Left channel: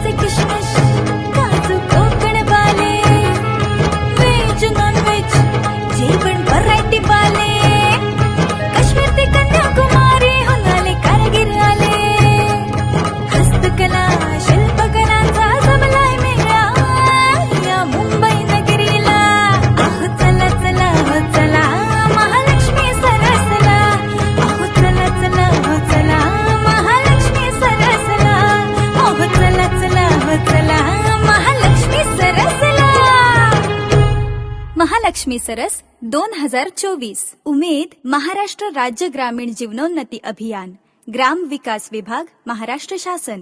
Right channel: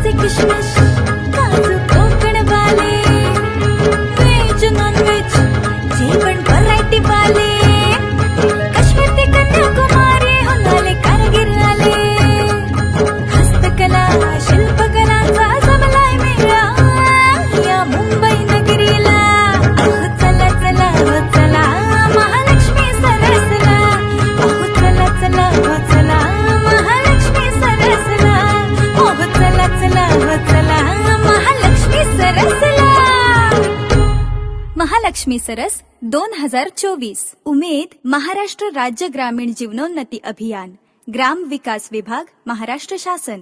खोबऱ्याचे किशमिश, काजू कोकण वाले, व्हेज नॉन व्हेज जेवण व्हरायटी वाले, काश्मीर ते कन्याकुमारी होऊन आले कारगिर आले, हस्तकला शिल्पकलांचा जमलाय मेळा या मुंबई नगरीला. अहो चला चला हो चला महालक्ष्मी सरसला, अहो चला चला हो चला महालक्ष्मी सरसला, अहो चला चला हो चला महालक्ष्मी सरसला. महालक्ष्मी सरस 2024. उमेद महाराष्ट्र राज्य ग्रामीण जीवनोन्नती अभियान, ग्राम विकास विभाग, महाराष्ट्र शासन.